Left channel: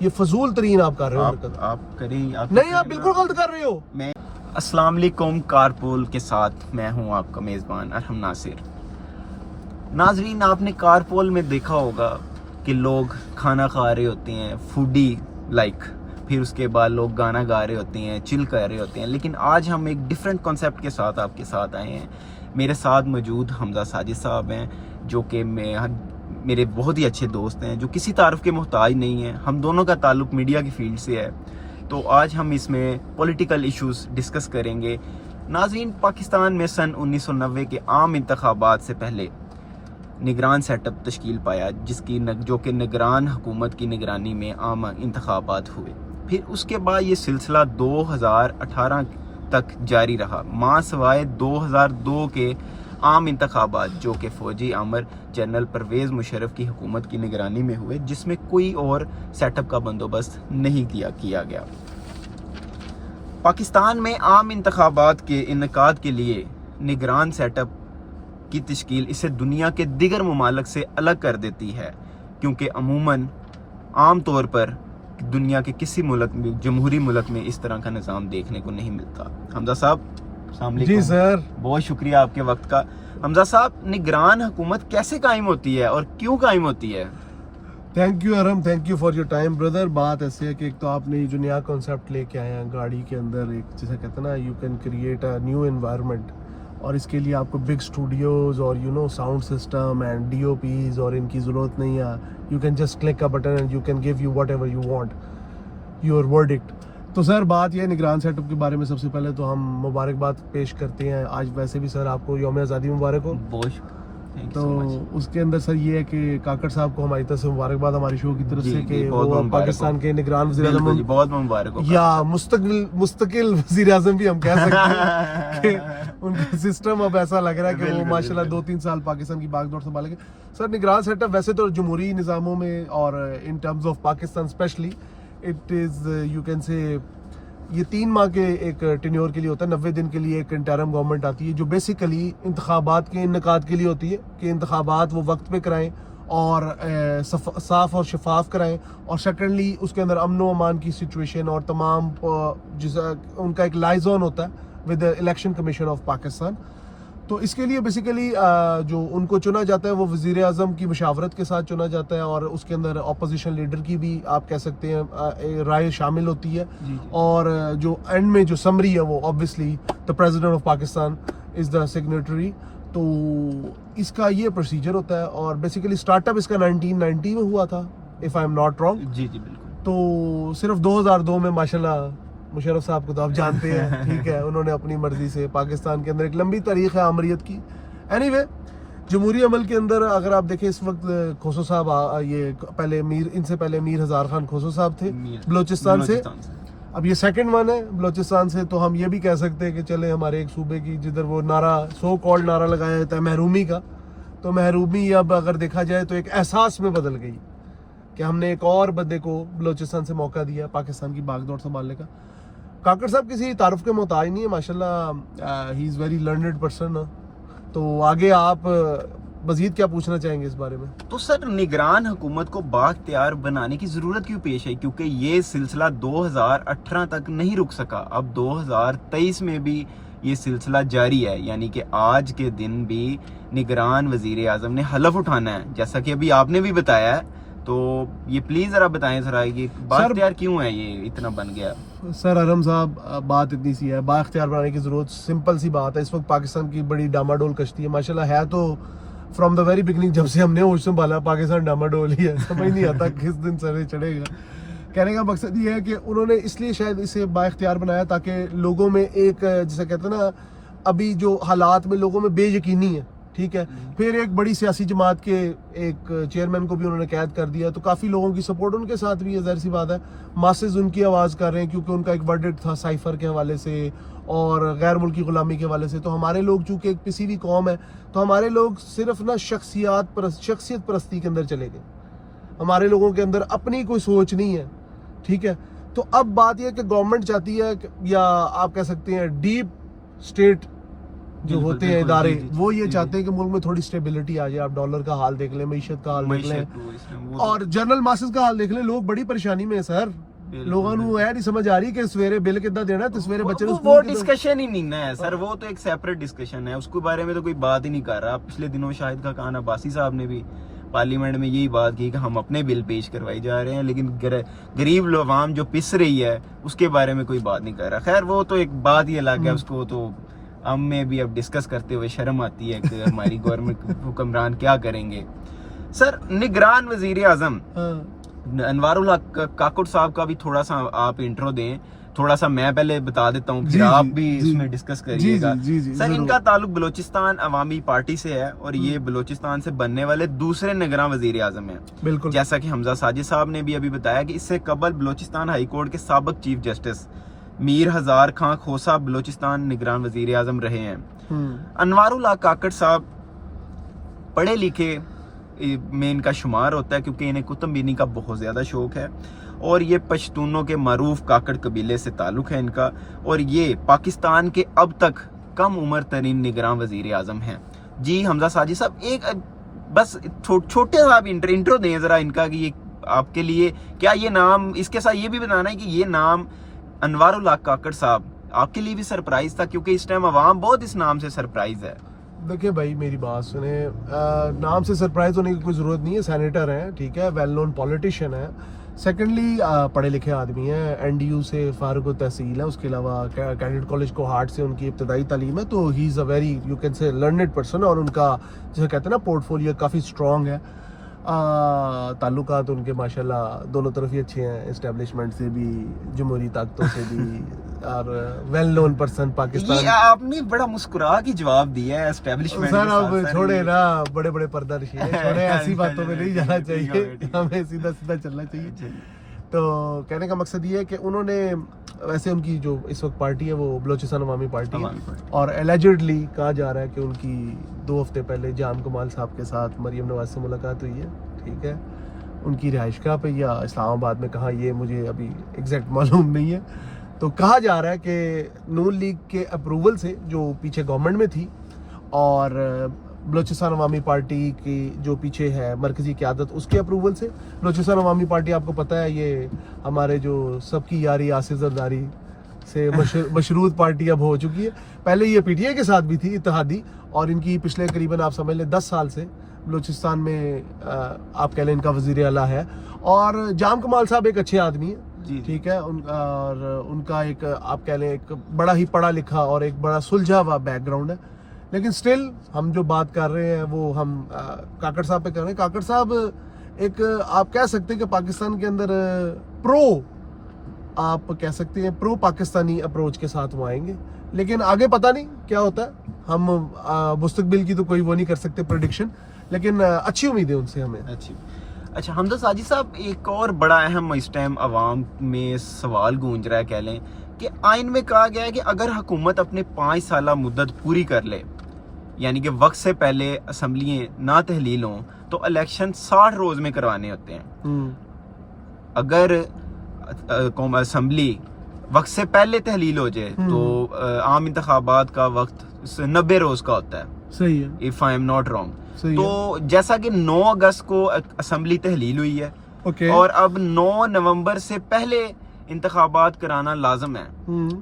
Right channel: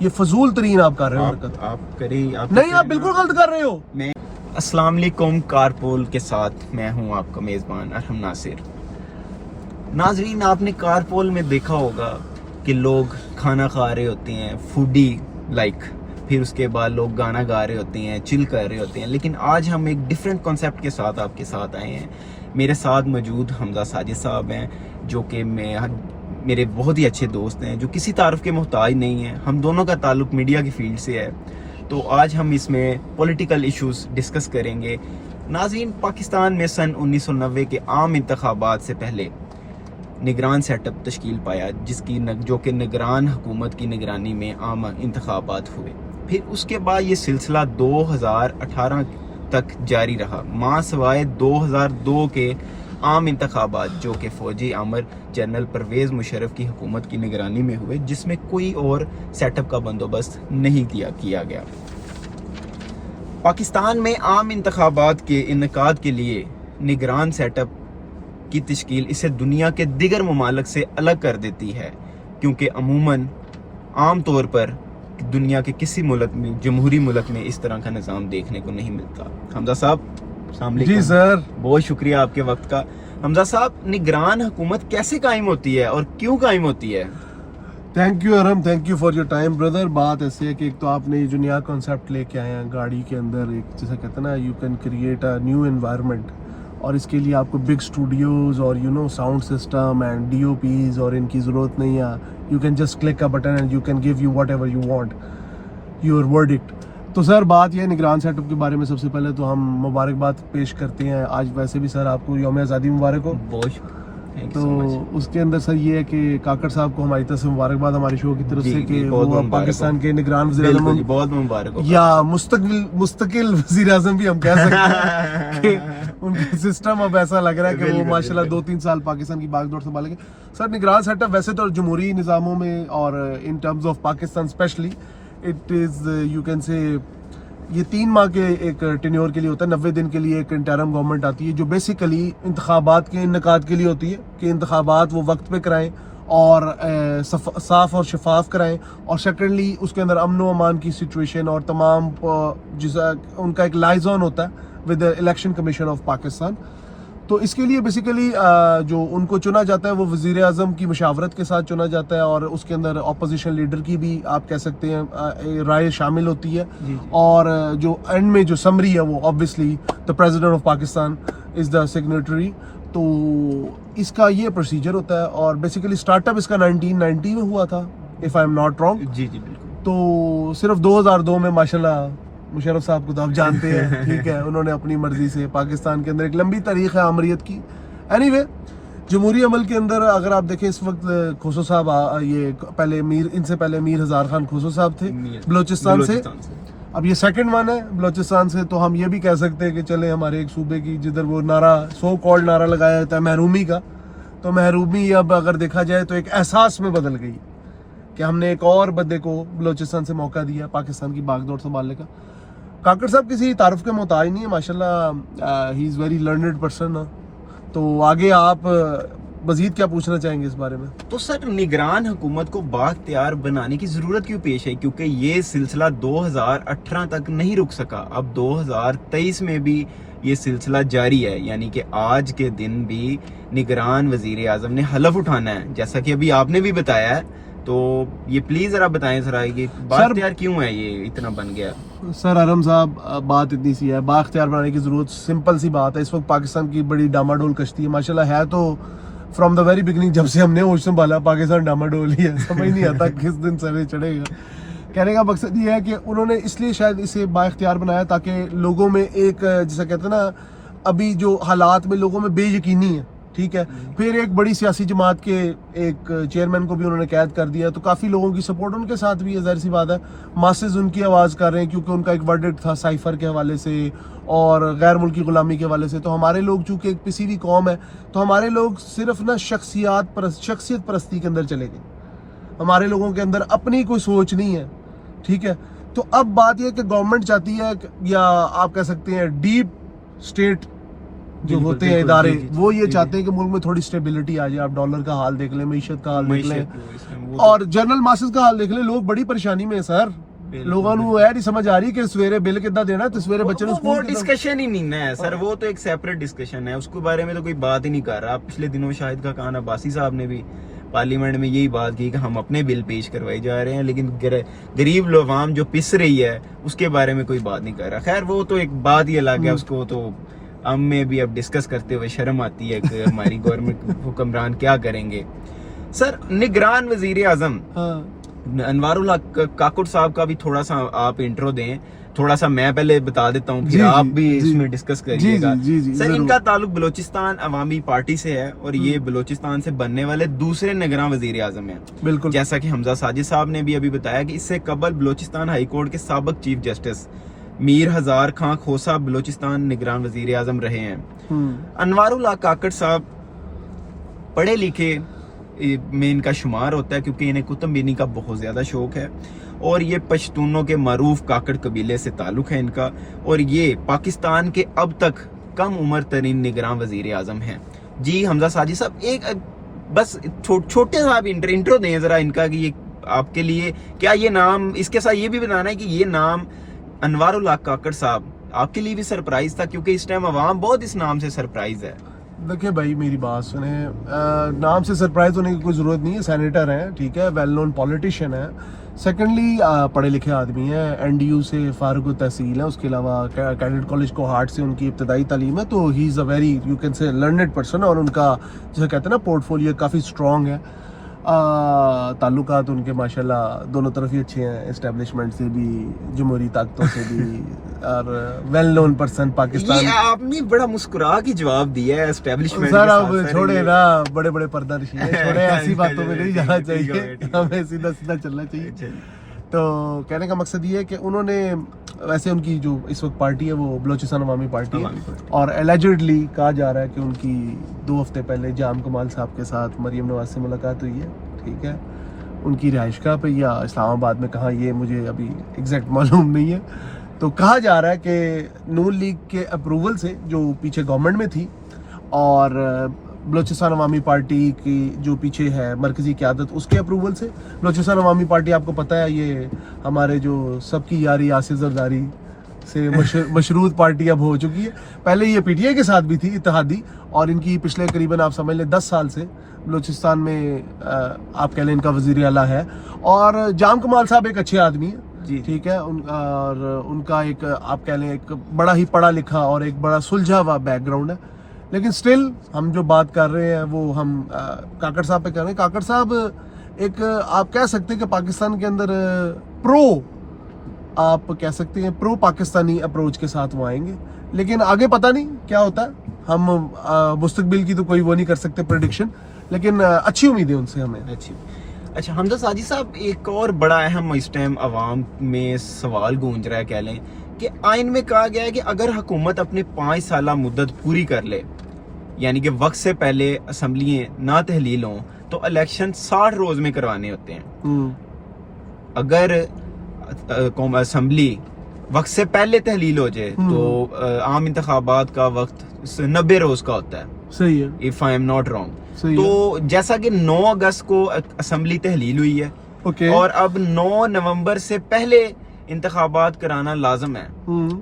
یہ فضول ترین آپ کر رہے ہو حرکت. آپ کریں نہیں, آپ بالکل غلط کر رہے ہو. میں السلام علیکم. کارپول کے ساتھ میں ہوں آپ کا میزبان ارحم ناصر. ناظرین, آپ نے کارپول میں دیکھا ہوگا کہ لوگ کھانا کھا رہے ہوتے ہیں, فوڈی لائک, پھر اس کے بعد لوگ گانا گا رہے ہوتے ہیں, چل کر رہے ہوتے ہیں. لیکن آج ہم ایک ڈیفرنٹ کنسیپٹ کے ساتھ آپ کے ساتھ آئے ہیں. میرے ساتھ موجود حمزہ ساجد صاحب ہیں, جو کہ میرے بہت ہی اچھے دوست ہیں, جو کسی تعارف کے محتاج نہیں ہیں. ہم دونوں کا تعلق میڈیا کی فیلڈ سے ہے, تو آج ہم اس میں پولیٹیکل ایشوز ڈسکس کریں گے. ناظرین, پاکستان میں سن 1990 کے عام انتخابات سے پہلے نگران سیٹ اپ تشکیل پایا, جو کہ نگران حکومت کی نگرانی میں عام انتخابات ہوئے. پھر اس کے بعد یہ سلسلہ 2018 تک جاری رہا, ماں سوائے 2002 کے عام انتخابات, جو کہ فوجی امر جنرل پرویز مشرف کی حکومت کی نگرانی میں ہوئے, جس میں کوئی اور سیٹ اپ کا بندوبست نہیں کیا گیا. پاکستان میں عام انتخابات کے انعقاد کے لیے نگران سیٹ اپ کی تشکیل اسے دنیا کے دیگر ممالک سے الگ کر دیتی ہے, کیونکہ عام طور پر دنیا کے کسی ملک میں, جمہوری ملک میں اس طرح کا نظام دیکھنے کو نہیں ملتا. حمزہ صاحب السلام علیکم. جی سر, بہت شکریہ آپ کے وقت کا. حمزہ صاحب, نگران حکومت کیسے قائم ہوتی ہے اور کیوں قائم ہوتی ہے؟ Thank you Iram, thank you for your time brother. بات ایسے ہے کہ ایک تو آپ نے جو نیا کنسیپٹ لے کے آئے ہیں گاڑی کے اندر, ایک جیسے کہتے ہیں نا, you can create a new environment, اور اس کے لیے آپ کو بگ اسٹوڈیوز اور sound system and D O Ps اور ان کی ضرورت نہیں ہے. You can just click a button and you can give you whatever you want your verdict. تو سر, بات یہ نگران سیٹ اپ کے بارے میں سب سے پہلے تو ہم مبارکباد پیش کرتے ہیں. آج ویسے بھی سر آپ کو یوم آزادی مبارک ہو. بہت تو اس کے اندر سر یہ ہے کہ کاکڑ صاحب کو ہماری طرف سے مبارکباد ہماری شو کی طرف سے کہ وہ پاکستان کے نگران وزیر اعظم, بہت مبارک ہو, یا مستقل وزیر اعظم بھی ہم کہہ سکتے ہیں کہ ان کا سسٹم اب ایسا لگ رہا ہے کہ وہ ماشاءاللہ 2-3 سال پاکستان کی باغ دوڑ سنبھالیں گے. سر, نگران سیٹ اپ ویسے تو جمہوری نظاموں میں اور in terms of Pakistan especially it is you can say یہ 3 ماہ کے ایک ٹینیور کے لیے ہوتا ہے, 90 دن کے لیے ایک انٹرم گورنمنٹ آتی ہے, جو بیسیکلی انتخابات کے انعقاد کے لیے ہوتی ہے کہ انتخابات وہ وقت پہ کرائیں اور صاف اور شفاف کرائیں, اور سیکنڈلی اس کے اندر امن و امان کی سچویشن اور تمام ان کا ایک لائزون ہوتا ہے with election commission of Pakistan. تو اس کے لیے بیسیکلی جو ان کو چنا جاتا ہے وہ وزیر اعظم کی مشاورت کے ساتھ چنا جاتا ہے, اور اس کے اندر اپوزیشن لیڈر کی بھی آپ کہہ سکتے ہیں رائے شامل ہوتی ہے. اور جو اینڈ میں جو سمری ہے وہ obviously the president of Pakistan is the signatory. تو اس کا یہ پروسیجر ہوتا ہے, اور بیسیکلی اسٹارٹ اپ اس کا 1990 میں ہوا تھا if I'm not wrong. جی بالکل. تو صرف 2002 میں ماشاءاللہ مشرف صاحب کو تو آپ جانتے ہیں, ٹھیک ہے, انہوں نے اپنی مرضی سے پاکستان کے اندر ایک لمبی تاریخ ہے آمریت کی. اینی وے, جمہوری عمل کے اندر اگر آپ دیکھیں اس وقت کھوسو صاحب, یہ پہلے ان سے پہلے میر ہزار خان کھوسو صاحب تھے بلوچستان سے, اب یہ سیکنڈ ون ہے بلوچستان سے. تو ہم یہ بھی کہہ سکتے ہیں کہ چلے ہمارے ایک صوبے کی جدھر وہ نعرہ سو کالڈ نعرہ لگایا جاتا ہے محرومی کا, تو محرومی اب اگر دیکھا جائے تو ایک احساس میں بدل گئی کہ ہم نے ایک اور بندے کو بلوچستان سے موقع دیا پاکستان کی باغ دوڑ سنبھالنے کا. کاکڑ صاحب کسی تعارف کے محتاج نہیں ہے ماشاءاللہ, ہی از ویری لرنڈ پرسن. تو آگے آپ مزید کیا پوچھنا چاہیں گے اس بارے میں؟ تو سر, نگران حکومت کو بااختیار بنانے کی ضرورت کیوں پیش ہے؟ کیونکہ یہ سلسلہ 2018 تک نہیں رک سکا, اب 2023 میں بھی یہ سلسلہ جاری ہے, یعنی کہ آج کے دن بھی نگران وزیر اعظم نے حلف اٹھانا ہے, جیسا کہ ابھی آپ نے بھی بتایا ہے. تو یہ پلیز ذرا بتائیں ذرا, یہ بااختیار کیوں ہے, یہ اتنا بن گیا؟ سر ارم صاحب, بات اتنی سی ہے, بااختیار بنانے کی ضرورت سمپل سی بات ہے. اس وقت پاکستان کی بڑی ڈاماڈول کشتی ہے ماشاءاللہ, ہے تو فرام دا ویری بگننگ, جب سے ہم نے ہوش سنبھالا پاکستان ڈاماڈول ہی ہے, سمجھ نہیں آتا کس دن سر چڑھے گا. کہنے کا مقصد یہ ہے کہ انہوں نے اس لیے شاید اسے بااختیار بنایا تاکہ لوگوں میں ایک جیسا کہتے ہیں نا, ابھی جو حالات میں لوگوں میں بے یقینی ہے, ٹھیک ہے. پھر ایک بڑی سیاسی جماعت کے ایک چیئرمین کو بھی انہوں نے قید کر دیا, تو کافی لوگوں کی سپورٹ ان کے ساتھ بھی ہے, ظاہر سی بات ہے. ماسز ان کی آواز کر رہے ہیں کیونکہ ان کا ایک ورڈکٹ تھا سائفر کے حوالے سے اور غیر ملکی غلامی کے حوالے سے. تو ہمارے لوگ چونکہ ایک پسی ہوئی قوم ہے, تو ہمارے لوگ صرف نا شخصیت پرستی کے اندر چلے گئے. ہمارے لوگوں کے اندر اپنی کوئی سوچ نہیں ہے, ٹھیک ہے. تو اب بات یہ ہے کہ گورنمنٹ چاہتی ہے, یا آپ کہہ سکتے ہیں ڈیپ اسٹیٹ जो बिल्कुल, होते हैं बिल्कुल, इदारे, जी, जी, वो ये जी, चाहते हैं कि मुल्क में थोड़ी स्टेबिलिटी आ जाए। आप डॉलर का हाल देख लें, मईशत का हाल देख लें, वो और जनरल मासेस का हाल देख लें, लोग बड़ी परेशानी में है सर। ਲੋਕਾਂ ਨੂੰ ਇਹ ਨਹੀਂ ਸਮਝ ਆ ਰਹੀ ਕਿ ਸਵੇਰੇ ਬਿੱਲ ਕਿੱਦਾਂ ਦੇਣਾ ਤੇ ਸਵੇਰੇ ਬੱਚੇ ਨੂੰ वो ਸਕੂਲ डिस्कशन ही नहीं है सर, वो तो एक सेपरेट डिस्कशन है, उसके बारे में तो कोई बात ही नहीं कर रहा। पिछले दिनों शाहिद का खान अब्बासी साहब ने भी पार्लियामेंट में यही बात की कि हम अपने बिल पेश करवाए जा रहे हैं, लेकिन गरीब लोग जो पिस रही है उसके बारे में कोई बात नहीं कर रहा। खैर वो तो एक बात ही अलग है, उसको तो हम में भी अब डिस्कस करते हुए शर्म आती है कि हमारी गवर्नमेंट हुक्मरान क्या करेंगे। सर निगरान वजीर आजम अनवारुल हक काकुड़ साहब का भी थोड़ा सा आप इंट्रो दें, थोड़ा सा मैं पहले बता देता हूँ, फिर आप भी इसमें डिस्कस करिएगा। सर इनका ताल्लुक बलोचिस्तान अवामी पार्टी से है और ये बलोचिस्तान से बनने वाले दूसरे निगरान वजीर आजम है। बिल्कुल, जैसा कि हमजा साजिद साहब ने भी अभी बताया कि इससे कबल बलोचिस्तान हाई कोर्ट के साबिक चीफ जस्टिस मीर हजार खां खोसा बलोचिस्तान निगरान वजीर आजम रहे हैं। अनवारुल हक काकड़ साहब पढ़े लिखे में इनका शुमार होता है, क्योंकि इन्हें कुतुबीनी का बहुत ज़्यादा शौक है और ये पश्तूनों के मरूफ काकड़ कबीले से ताल्लुक़ है इनका, और ये पाकिस्तान के अब तक कम उम्र तरीन निगरान वज़ीर आज़म हैं। जी हमजा साजिद साहब एक बस छोटे सा आप इंट्रो दें ज़रा इनका कि ये आपके लिए क्या ये नाम, इसके साथ ये भी बताना है कि ये नाम अनवारुल हक काकड़ साहब आपके लिए भी सरप्राइज था, क्योंकि इस टाइम अवाम बहुत इस नाम से सरप्राइज है। देखिए भाई मेरी बात सुने, नाम से सरप्राइज होने की कोई ज़रूरत नहीं है। सेनेटर हैं, ठीक है, वेल नोन पॉलिटिशियन है। सेकेंडली पढ़े लिखे आदमी हैं, NDU से फारुक तहसील है, उसके अलावा कैडेट कॉलेज कोहाट से उनकी इब्तदाई तालीम है, तो he is a very you can say learned person, और उनका जैसे कहते हैं ना पोर्टफोलियो काफ़ी स्ट्रॉन्ग है। ताल्लुकात उनके माशाल्लाह दोनों तरफ ही अच्छे हैं, एस्टेब्लिशमेंट से भी, जमहूरी ताकतों से भी, और वेल नोन पर्सन पाकिस्तान। ये आपने बड़ा मुस्कुरा के जवाब दिया है एस्टेब्लिशमेंट। सर अब छोड़े ना, बड़े बड़े पर्दानशी है, छोड़े ऐसी बातों में नहीं जाना चाहिए, हमें सीधा सीधा चलना चाहिए। तो कहने का मकसद ये है कि उन्होंने वैसे उनकी जो इस वक्त पार्टी है वो बलोचिस्तान अवामी पार्टी है, और एलिजिडली कहा जा रहा है कि उनकी 2 हफ्ते पहले जाम कमाल साहब के साथ मरियम नवाज से मुलाकात हुई है, ठीक है, उनकी रिहाइशगाह पे या इस्लामाबाद में, कहाँ ये मुझे अभी एग्जैक्ट मालूम नहीं है। तो कहा जा रहा है कि नून लीग के अप्रूवल से, जो पीछे गवर्नमेंट में थी, और बलोचिस्तान अवामी पार्टी की जो पीछे है मरकजी क़यादत, उसके अप्रूवल से, बलोचिस्तान अवामी पार्टी आपको पता है ये हमारे जो सबकी यारी आसिफ जरदारी से मशरूत पार्टी अब हो चुकी है। पहले ये PTI के साथ भी थी इत्तेहादी, और इनकी पिछले करीबन आप समझ लें 10 साल से बलोचिस्तान में आप कह लें इनका वज़ीर आला है। और जाम कमाल साहब एक अच्छे आदमी है, ठीक है, और उनका एक आप कह लें एक बड़ा ही पढ़ा लिखा और एक बड़ा सुलझा हुआ बैकग्राउंड है। लेकिन स्टिल हम जो बात कर रहे हैं वो हम काकड़ साहब पे कर रहे हैं। काकड़ साहब एक आप कह सकते हैं कि पाकिस्तान के अंदर आप कह सकते हैं प्रो पाकिस्तानी अप्रोच के साथ वो आएंगे, लेकिन आगे पता नहीं क्या होता है। हम मुस्तकबिल की तो कोई वो नहीं कर सकते प्रेडिक्शन, लेकिन अच्छी उम्मीद है उनसे हमें। अच्छा हमजा साजिद साहब, एक और बड़ा अहम इस टाइम अवाम में सवाल गूंज रहा है, कह लें कि आइन में कहा गया है कि अगर हुकूमत अपने 5 साल मुद्दत पूरी कर ले, यानी कि वक्त से पहले असम्बलियाँ ना तहलील हों, तो इलेक्शन 60 रोज में करवाने होते हैं। अगर असम्बली वक्त से पहले तहलील हो जाए तो आम इंतखाबात का वक्त 90 रोज का होता है, सही है, if I am not wrong. तो जैसा कि 9 अगस्त को असम्बली तहलील हुई है, और अब 9 नवंबर से पहले इंतखाबात कराना लाजम है,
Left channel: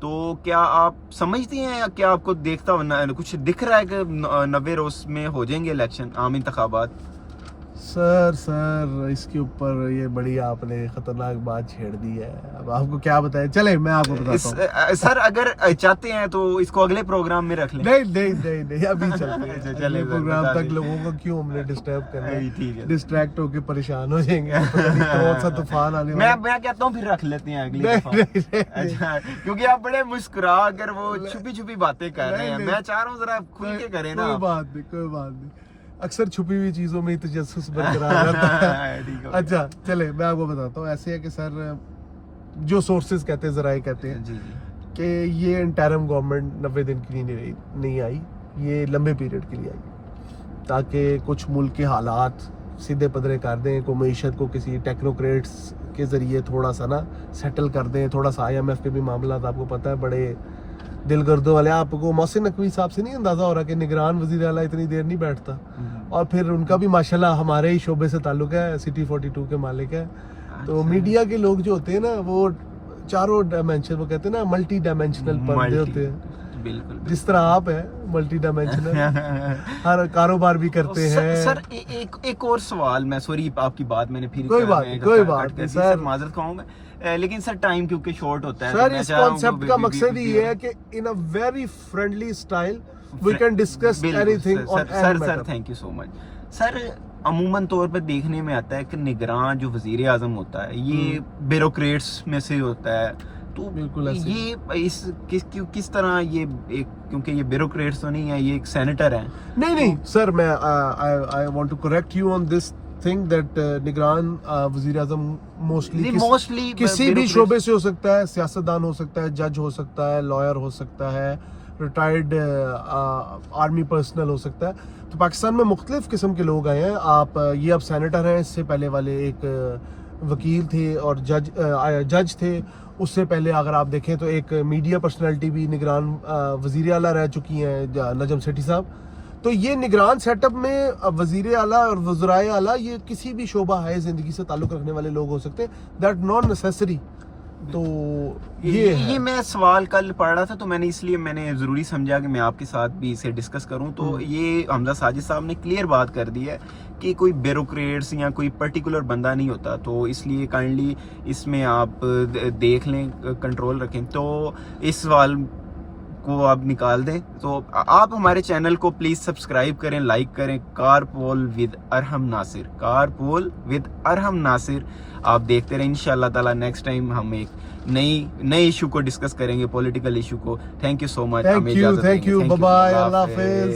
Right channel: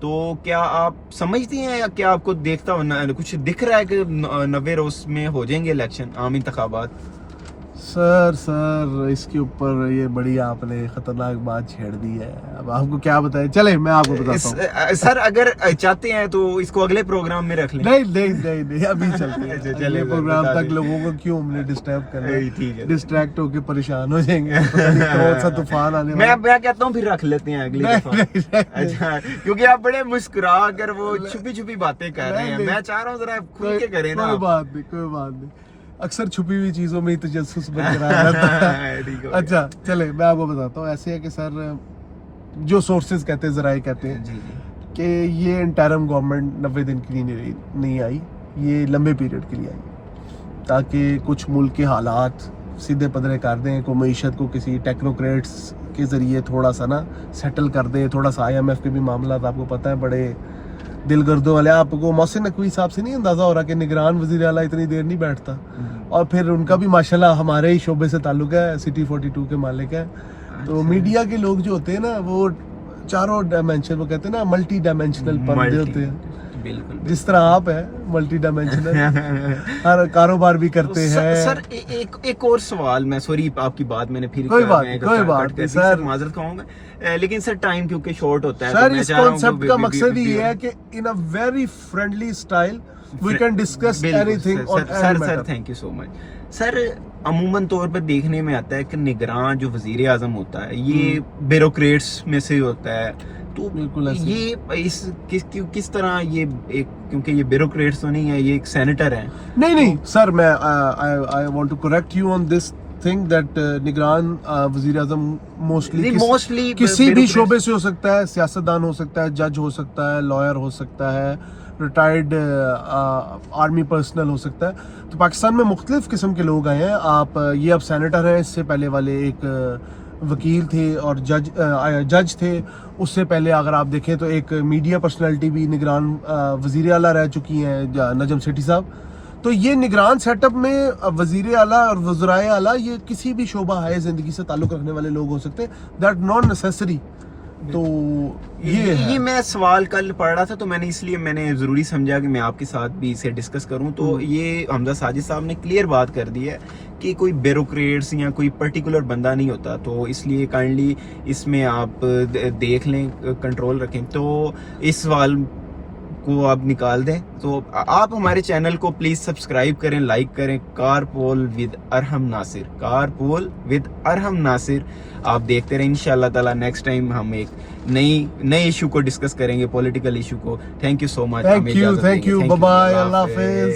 तो क्या आप समझती हैं या क्या आपको देखता कुछ दिख रहा है कि 90 रोज में हो जाएंगे इलेक्शन, आम इंतखाबात? सर इसके ऊपर ये बड़ी आपने खतरनाक बात छेड़ दी है, अब आपको क्या बताएं। चले मैं आपको बताता हूँ सर, अगर चाहते हैं तो इसको अगले प्रोग्राम में रख लें। नहीं अभी चलते हैं चले प्रोग्राम तक, लोगों को क्यों हमने डिस्टर्ब करना है, डिस्ट्रैक्ट होके परेशान हो जाएंगे, कौन सा तूफान आने मैं कहता हूँ फिर रख लेते हैं अगले दफा। अच्छा, क्योंकि आप बड़े मुस्कुरा कर वो छुपी छुपी बातें कर रहे हैं, मैं चाह रहा हूँ जरा खुल के करें ना। कोई बात नहीं, अक्सर छुपी हुई चीजों में तजस्सुस बरकरार रहता है। अच्छा चले मैं आपको बताता हूँ। ऐसे है कि सर जो सोर्सेज कहते हैं, जराए कहते हैं कि ये इंटरिम गवर्नमेंट 90 दिन के लिए नहीं आई, ये लंबे पीरियड के लिए आई, ताकि कुछ मुल्क के हालात सीधे पदरे कर दें, को मईशत को किसी टेक्नोक्रेट्स के ज़रिए थोड़ा सा ना सेटल कर दें, थोड़ा सा IMF के भी मामला आपको पता है बड़े दिल गर्दों वाले। आपको मोहसिन नकवी साहब से नहीं अंदाजा हो रहा कि निगरान वजीर आला इतनी देर नहीं बैठता, और फिर उनका भी माशाल्लाह हमारे ही शोबे से ताल्लुक है, सिटी 42 के मालिक है। तो मीडिया के लोग जो होते हैं ना वो चारों डायमेंशन, वो कहते हैं ना मल्टी डायमेंशनल पर्दे होते हैं, बिल्कुल जिस तरह आप है मल्टी डायमेंशनल, हर कारोबार भी करते हैं। सर एक और सवाल, मैं सॉरी आपकी बात मैंने फिर कोई बात नहीं सर, माजरत खाऊंगा, लेकिन सर टाइम क्योंकि शॉर्ट होता है, सर तो इस कॉन्सेप्ट का मकसद ही ये है कि in a very friendly style we can discuss anything on any matter. Sir thank you so much. Sir अमूमन तौर पर देखने में आता है कि निगरान जो वजीर आजम होता है ये ब्यूरोक्रेट्स में से होता है, तो बिल्कुल ऐसे। ये इस किस तरह ये एक, क्योंकि ये ब्यूरोक्रेट्स तो नहीं है, ये एक सेनेटर है। नहीं सर, मैं I want to correct you on this thing that निगरान वजीर आजम मोस्टली किसी भी शोबे से हो सकता है, सियासतदान हो सकता है, जज हो सकता है, लॉयर हो सकता है, रिटायर्ड आर्मी पर्सनल हो सकता है। तो पाकिस्तान में मुख्तलिफ किस्म के लोग आए हैं। आप ये अब सेनेटर हैं, इससे पहले वाले एक वकील थे और जज थे, उससे पहले अगर आप देखें तो एक मीडिया पर्सनैलिटी भी निगरान वजीर आला रह चुकी हैं, नजम सेठी साहब। तो ये निगरान सेटअप में वजीर आला और वज़राए आला ये किसी भी शोबा है ज़िंदगी से ताल्लुक़ रखने वाले लोग हो सकते हैं, दैट नॉट नेसेसरी। तो ये मैं सवाल कल पढ़ रहा था, तो मैंने ज़रूरी समझा कि मैं आपके साथ भी इसे डिस्कस करूं। तो ये हमजा साजिद साहब ने क्लियर बात कर दी है कि कोई ब्यूरोक्रेट्स या कोई पर्टिकुलर बंदा नहीं होता, तो इसलिए काइंडली इसमें आप देख लें, कंट्रोल रखें। तो इस सवाल को आप निकाल दें। तो आप हमारे चैनल को प्लीज सब्सक्राइब करें, लाइक करें। कारपोल विद अरहम नासिर, कारपोल विद अरहम नासिर आप देखते रहें। इंशाल्लाह ताला नेक्स्ट टाइम हम एक नई इशू को डिस्कस करेंगे, पॉलिटिकल इशू को। Thank you so much. Thank you, bye bye, Allah Hafiz.